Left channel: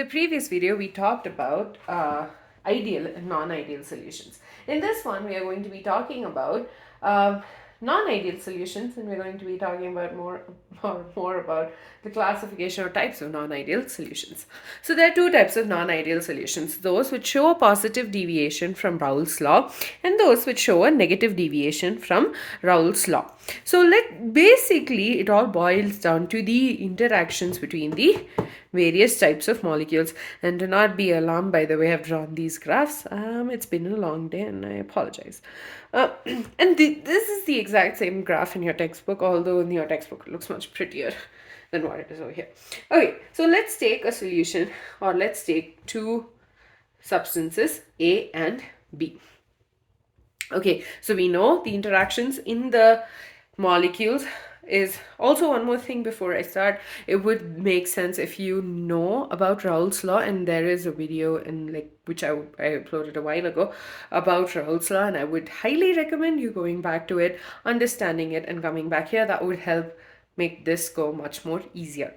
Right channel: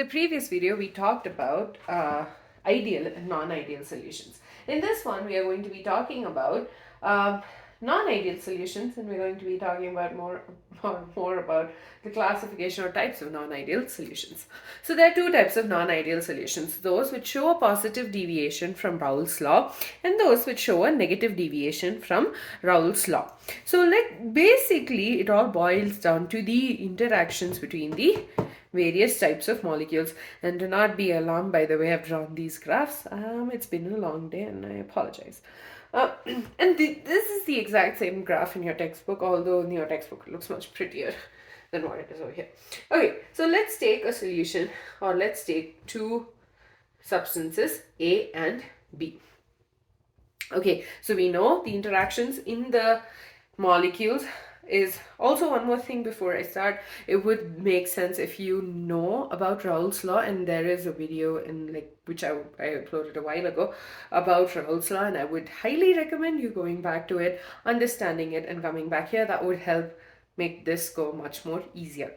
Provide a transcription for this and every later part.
the previous video, we talked about ideal and non-ideal solutions. In this one, we are going to be talking about non-ideal solutions, and we're going to be talking about more about the classification or types of non-ideal solutions. So there are two types of non-ideal solutions: those which show a positive deviation from Raoult's law, and those which show a negative deviation from Raoult's law. So basically, it all boils down to the interactions between the various types of molecules. And do not be alarmed by the way I've drawn these graphs. It's been a long day and I apologize. And this is the exact same graph in your textbook, although in your textbook it looks much prettier than what it is over here. Okay, so let's take a solution, or let's take two substances, A and B. Okay, so we know the interactions in the molecules is also one more thing before I start. It would make sense if you know about Raoult's law, and there is a video in which I uploaded a while ago about Raoult's law, and I would highly recommend you going back to it, understanding it, and coming back here. That would help make this go much more easier.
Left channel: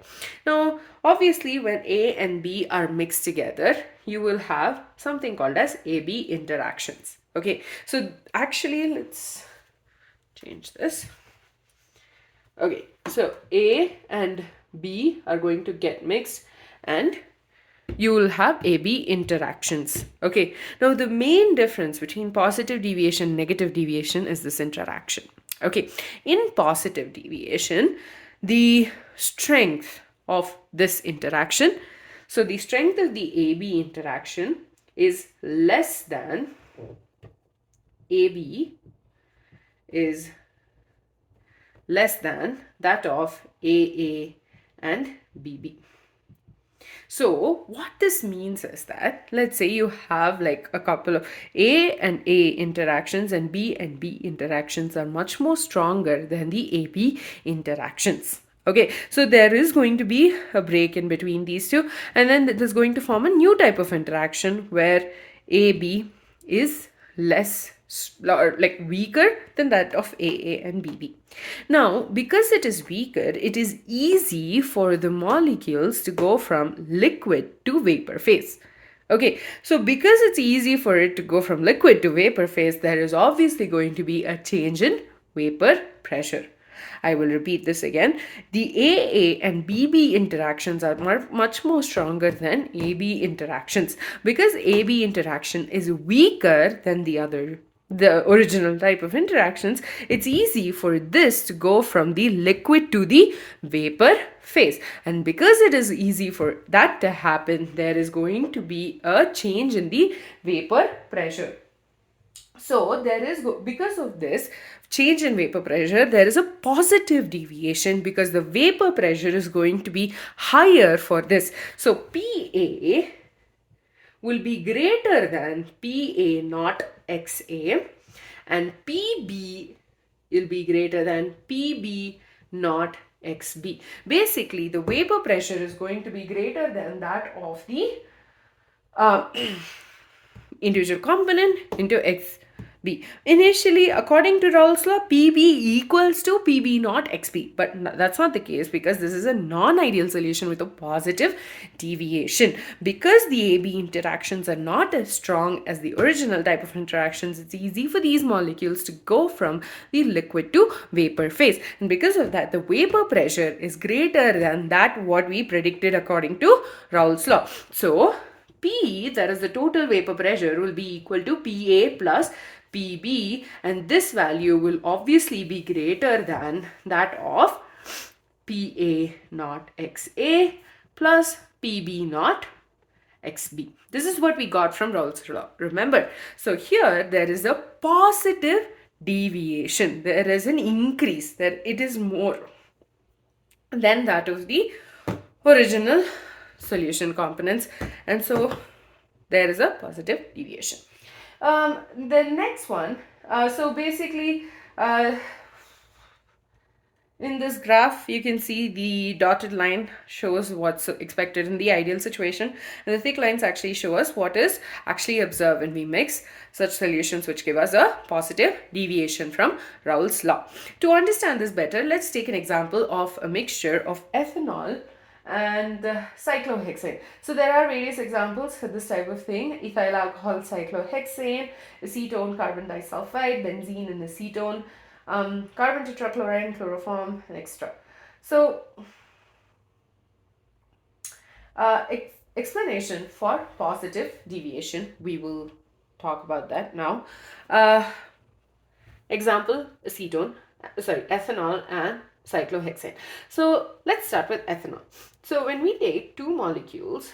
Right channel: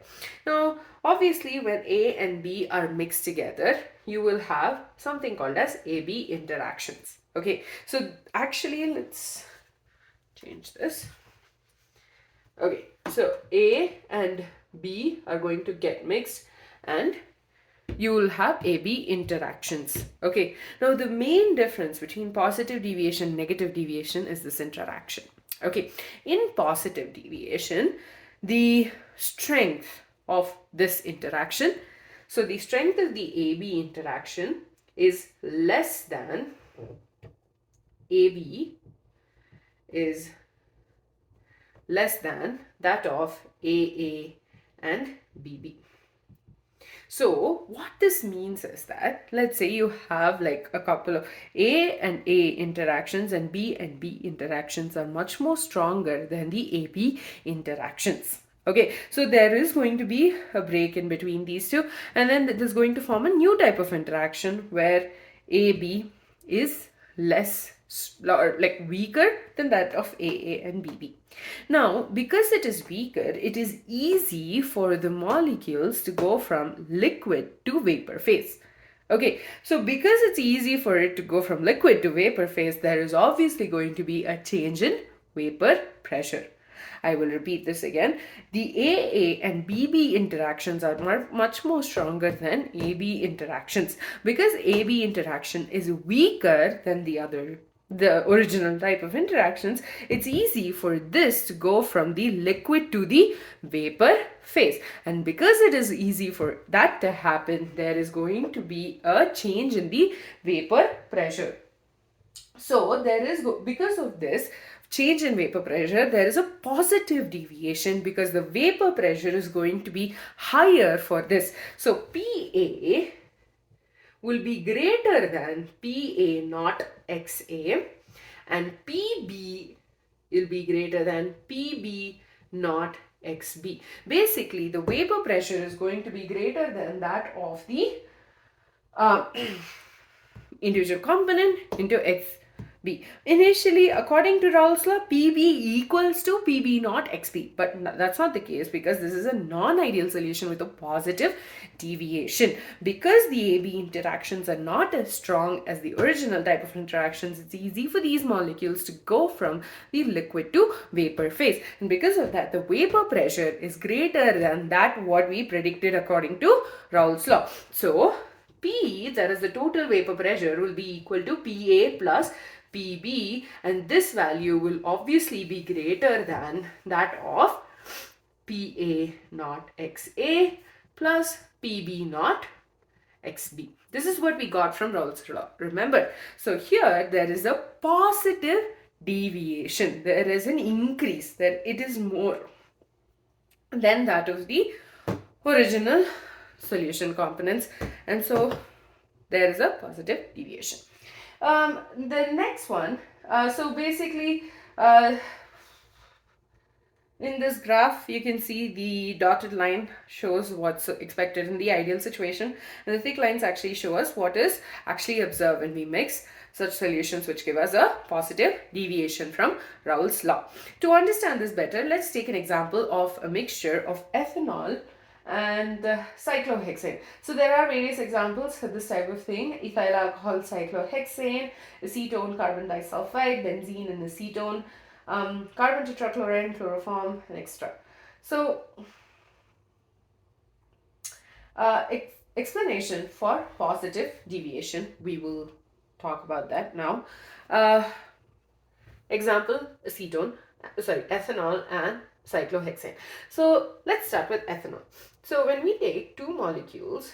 Now, obviously, when A and B are mixed together, you will have something called as AB interactions. Okay, so actually, let's change this. Okay, so A and B are going to get mixed and you will have AB interactions. Okay, now the main difference between positive deviation and negative deviation is this interaction. Okay, in positive deviation, the strength of this interaction, so the strength of the AB interaction is less than AB is less than that of AA and BB. So what this means is that, let's say you have like a couple of A and A interactions, and B interactions are much more stronger than the AB interactions. Okay, so there is going to be a break in between these two, and then it is going to form a new type of interaction where AB is less weaker than that of AA and BB. Now, because it is weaker, it is easy for the molecules to go from liquid to vapor phase. Okay, so because it's easy for it to go from liquid to vapor phase, there is obviously going to be a change in vapor pressure. I will repeat this again. The AA and BB interactions are much more stronger than AB interactions. Because AB interaction is weaker than the original type of interactions, it's easy for this to go from the liquid to the vapor phase. And because it is easy for that to happen, there is going to be a change in the vapor pressure. So because of this change in vapor pressure, there is a positive deviation because the vapor pressure is going to be higher for this. So PA will be greater than PA not XA, and PB will be greater than PB not XB. Basically, the vapor pressure is going to be greater than that of the individual component into XB. Initially, according to Raoult's law, PB equals to PB not XB, but that's not the case because this is a non-ideal solution with a positive deviation. Because the AB interactions are not as strong as the original type of interactions, it's easy for these molecules to go from the liquid to vapor phase. And because of that, the vapor pressure is greater than that what we predicted according to Raoult's law. So P, that is the total vapor pressure, will be equal to PA plus PB, and this value will obviously be greater than that of PA not XA plus PB not XB. This is what we got from Raoult's law. Remember, so here there is a positive deviation. There is an increase. It is more than that of the original solution components, and so there is a positive deviation. The next one, so basically in this graph you can see the dotted line shows what's expected in the ideal situation, and the thick lines actually show us what is actually observed when we mix such solutions which give us a positive deviation from Raoult's law. To understand this better, let's take an example of a mixture of ethanol and cyclohexane. So there are various examples for this type of thing: ethyl alcohol cyclohexane, acetone carbon disulfide, benzene and acetone, carbon tetrachloride, chloroform, and extra. So explanation for positive deviation, we will talk about that now. Example, ethanol and cyclohexane. So let's start with ethanol. So when we take two molecules,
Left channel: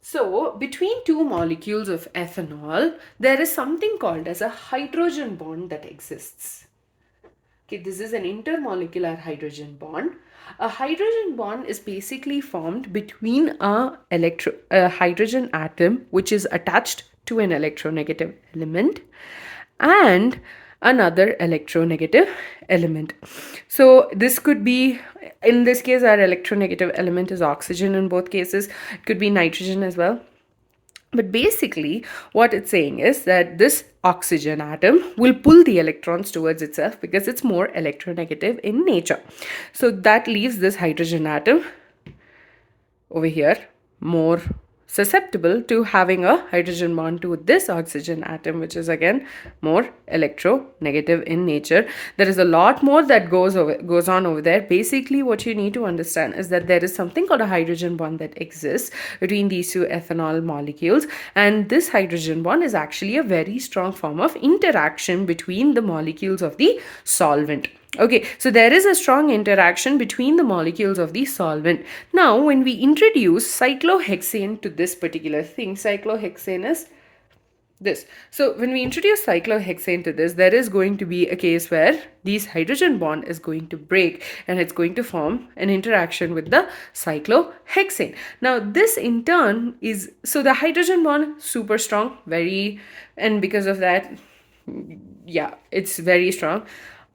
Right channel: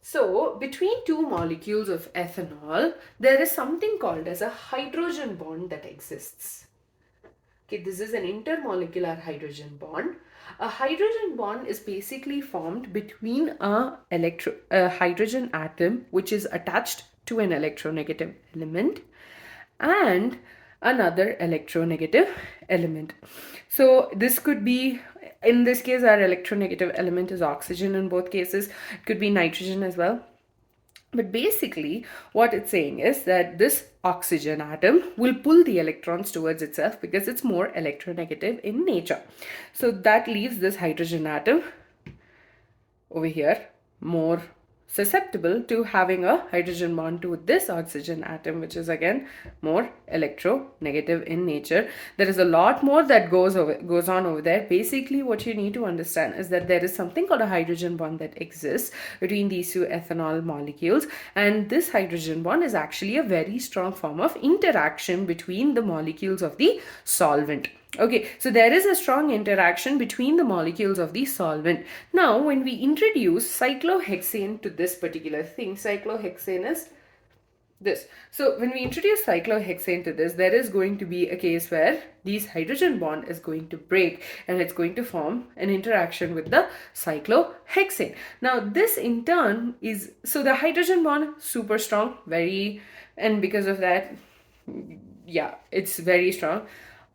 so between two molecules of ethanol, there is something called as a hydrogen bond that exists. Okay, this is an intermolecular hydrogen bond. A hydrogen bond is basically formed between a hydrogen atom which is attached to an electronegative element and another electronegative element. So this could be, in this case, our electronegative element is oxygen in both cases. It could be nitrogen as well. But basically, what it's saying is that this oxygen atom will pull the electrons towards itself because it's more electronegative in nature. So that leaves this hydrogen atom over here more susceptible to having a hydrogen bond to this oxygen atom, which is again more electronegative in nature. There is a lot more that goes on over there. Basically, what you need to understand is that there is something called a hydrogen bond that exists between these two ethanol molecules, and this hydrogen bond is actually a very strong form of interaction between the molecules of the solvent. Okay, so there is a strong interaction between the molecules of the solvent. Now, when we introduce cyclohexane to this particular thing, cyclohexane is this. So when we introduce cyclohexane to this, there is going to be a case where this hydrogen bond is going to break and it's going to form an interaction with the cyclohexane. Now this in turn is, so the hydrogen bond super strong, and because of that, yeah, it's very strong.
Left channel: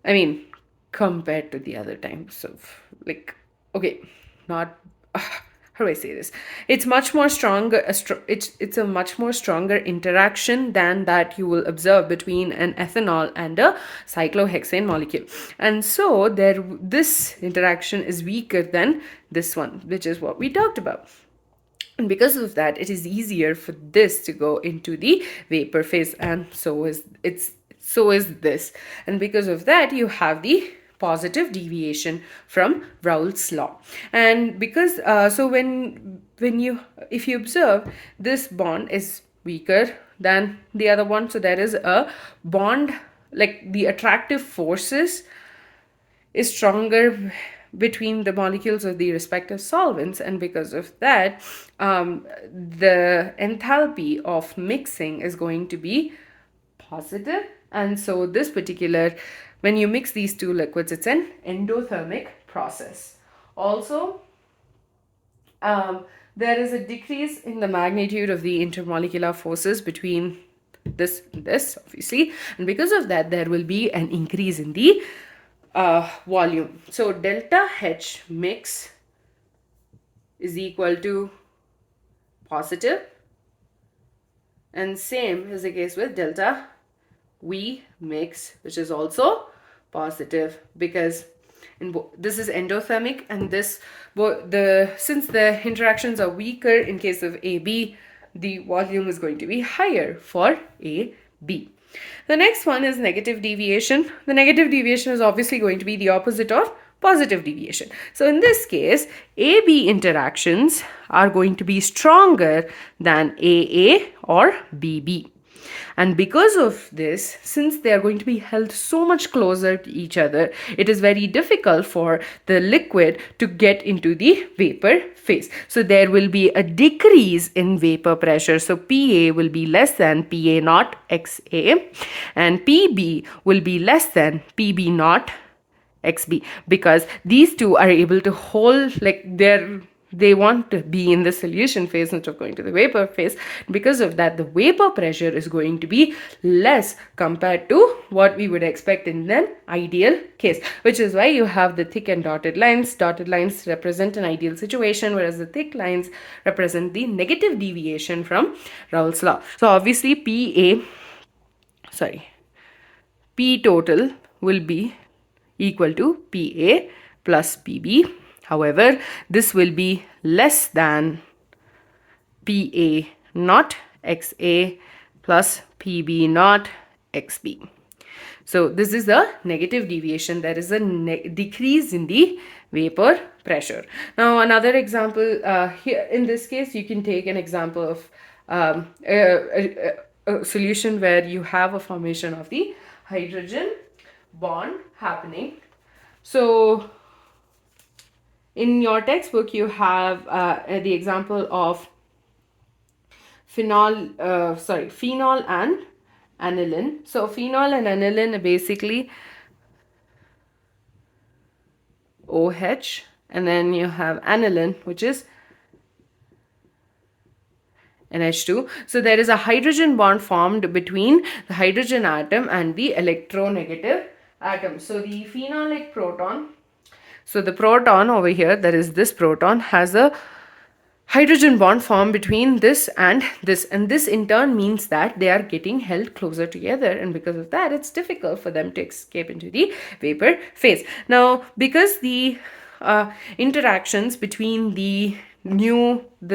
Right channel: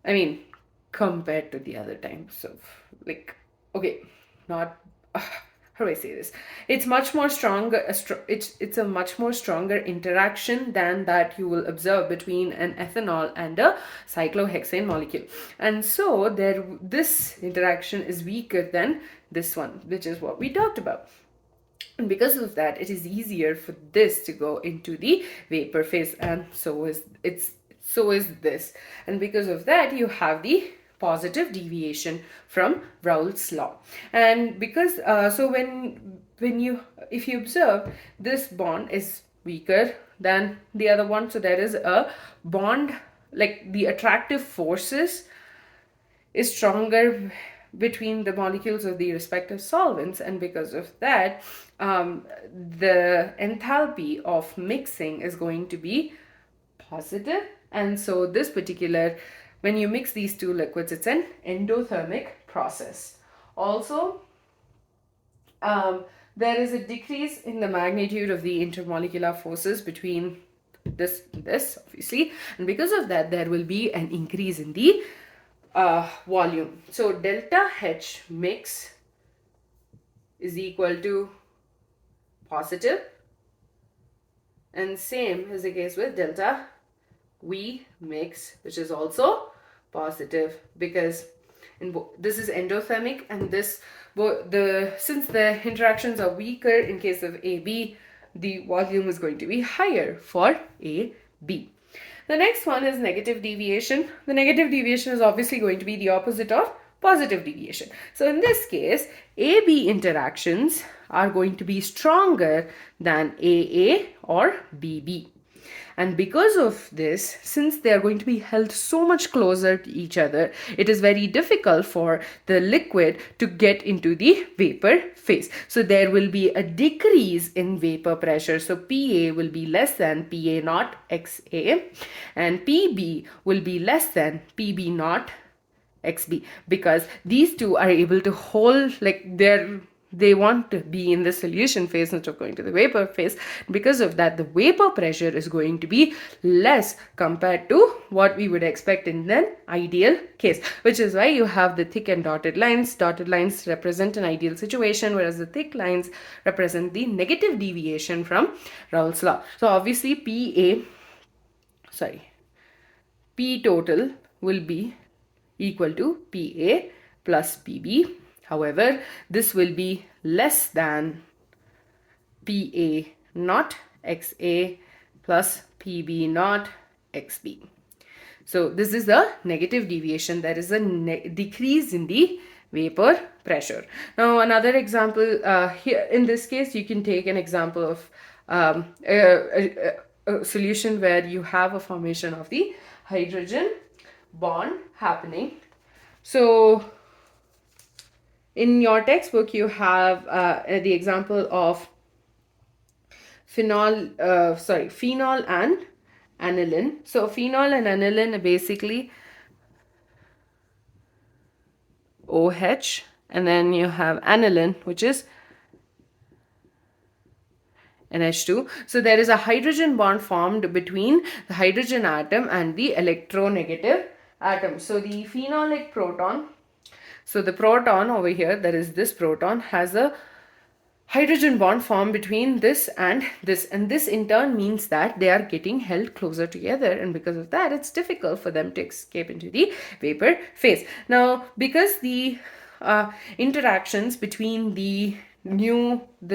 I mean, compared to the other times of, like, okay, not how do I say this? It's much more stronger. It's a much more stronger interaction than that you will observe between an ethanol and a cyclohexane molecule. And so this interaction is weaker than this one, which is what we talked about. And because of that, it is easier for this to go into the vapor phase, and so is this. And because of that, you have the positive deviation from Raoult's law. And because so if you observe, this bond is weaker than the other one, so there is a bond, like the attractive forces is stronger between the molecules of the respective solvents, and because of that, the enthalpy of mixing is going to be positive. And so this particular, when you mix these two liquids, it's an endothermic process. Also, there is a decrease in the magnitude of the intermolecular forces between this and this, obviously, and because of that, there will be an increase in the volume. So delta H mix is equal to positive, and same is the case with delta V mix, which is also positive, because this is endothermic, and since the interactions are weaker in case of AB, the volume is going to be higher for AB. The next one is negative deviation. The negative deviation is obviously going to be the opposite of positive deviation. So in this case, AB interactions are going to be stronger than AA or BB. And because of this, since they are going to be held so much closer to each other, it is very difficult for the liquid to get into the vapor phase. So there will be a decrease in vapor pressure. So PA will be less than PA naught XA, and PB will be less than PB naught XB, because these two are able to hold, like, they're they want to be in the solution phase instead of going to the vapor phase. Because of that, the vapor pressure is going to be less compared to what we would expect in an ideal case, which is why you have the thick and dotted lines. Dotted lines represent an ideal situation, whereas the thick lines represent the negative deviation from Raoult's law. So obviously P total will be equal to PA plus PB. However, this will be less than PA naught XA plus PB naught XB. So this is a negative deviation. There is a decrease in the vapor pressure. Now another example, here in this case you can take an example of a solution where you have a formation of the hydrogen bond happening. So in your textbook you have the example of phenol and aniline. So phenol and aniline are basically OH, and then you have aniline, which is NH2. So there is a hydrogen bond formed between the hydrogen atom and the electronegative atom. So the phenolic proton, so the proton over here, that is this proton, has a hydrogen bond formed between this, and this in turn means that they are getting held closer together, and because of that it's difficult for them to escape into the vapor phase. Now because the interactions between the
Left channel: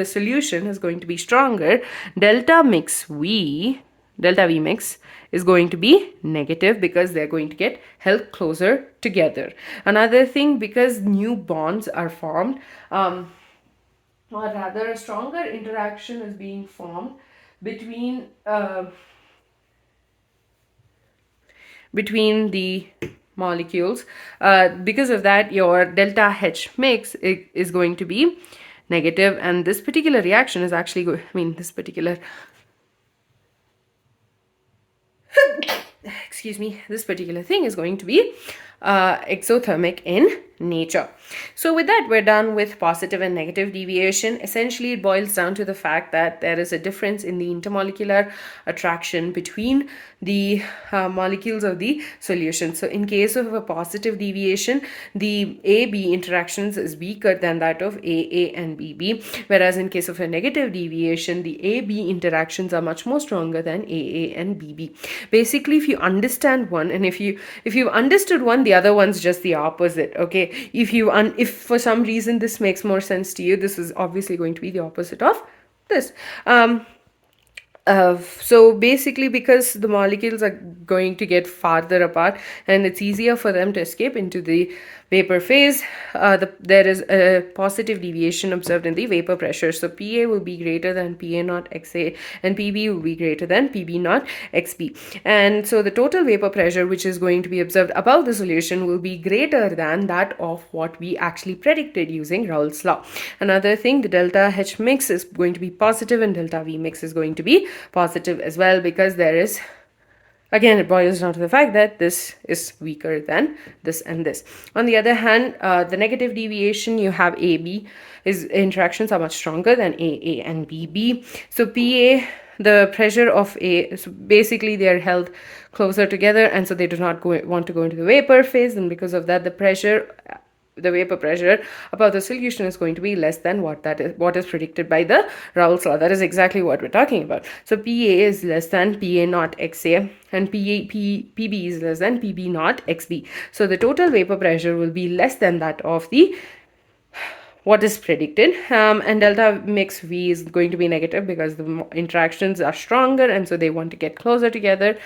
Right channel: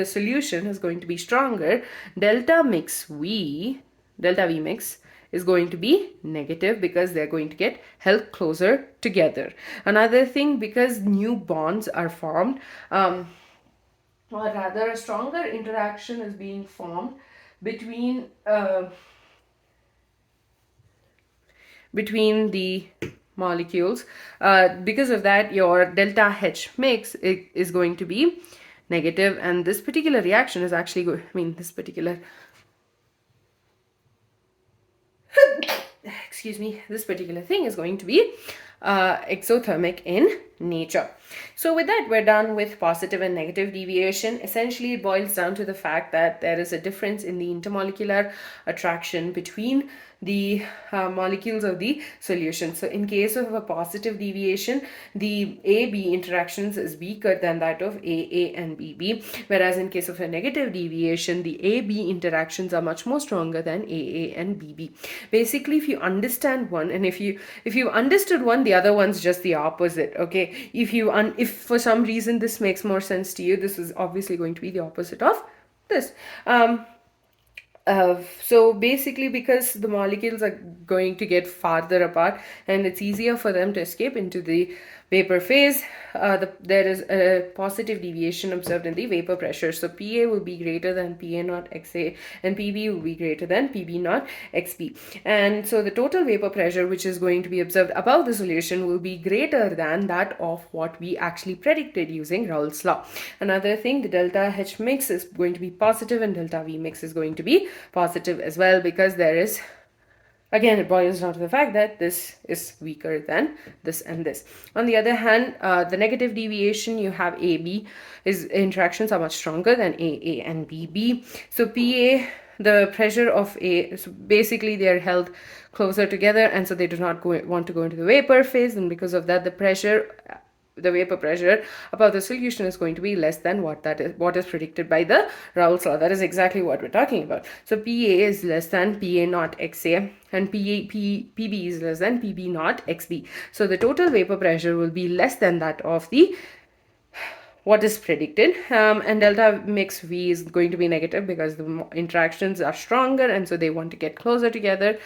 solution is going to be stronger, delta V mix is going to be negative because they're going to get held closer together. Another thing, because new bonds are formed, or rather a stronger interaction is being formed between the molecules. Because of that, your delta H mix is going to be negative, and this particular reaction is actually this particular this particular thing is going to be exothermic in nature. So with that, we're done with positive and negative deviation. Essentially, it boils down to the fact that there is a difference in the intermolecular attraction between the molecules of the solution. So in case of a positive deviation, the AB interactions is weaker than that of AA and BB, whereas in case of a negative deviation, the AB interactions are much more stronger than AA and BB. Basically, if you understand one, and if you understood one, the other one's just the opposite. Okay, if for some reason this makes more sense to you, this is obviously going to be the opposite of this. So basically, because the molecules are going to get farther apart and it's easier for them to escape into the vapor phase, there is a positive deviation observed in the vapor pressure. So PA will be greater than PA naught XA, and PB will be greater than PB naught XB. And so the total vapor pressure which is going to be observed above the solution will be greater than that of what we actually predicted using Raoult's law. Another thing, the delta H mix is going to be positive and delta V mix is going to be positive as well, because there is, again, it boils down to the fact that this is weaker than this and this. On the other hand, the negative deviation, you have AB, his interactions are much stronger than AA and BB. So PA, the pressure of A, so basically they are held closer together, and so they do not want to go into the vapor phase, and because of that, the vapor pressure above the solution is going to be less than what is predicted by the Raoult's law. That is exactly what we're talking about. So PA is less than PA naught XA, and PB is less than PB naught XB. So the total vapor pressure will be less than that of what is predicted, and delta mix V is going to be negative because the interactions are stronger, and so they want to get closer together.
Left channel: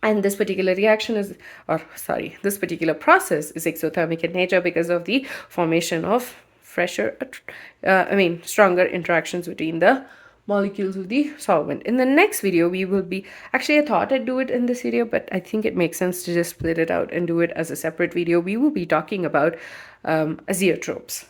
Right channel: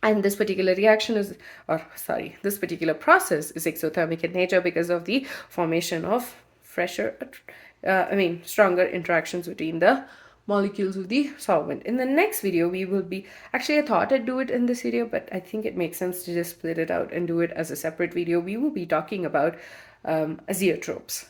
And this particular this particular process is exothermic in nature because of the formation of stronger interactions between the molecules of the solvent. In the next video, we will be, actually I thought I'd do it in this video, but I think it makes sense to just split it out and do it as a separate video. We will be talking about azeotropes.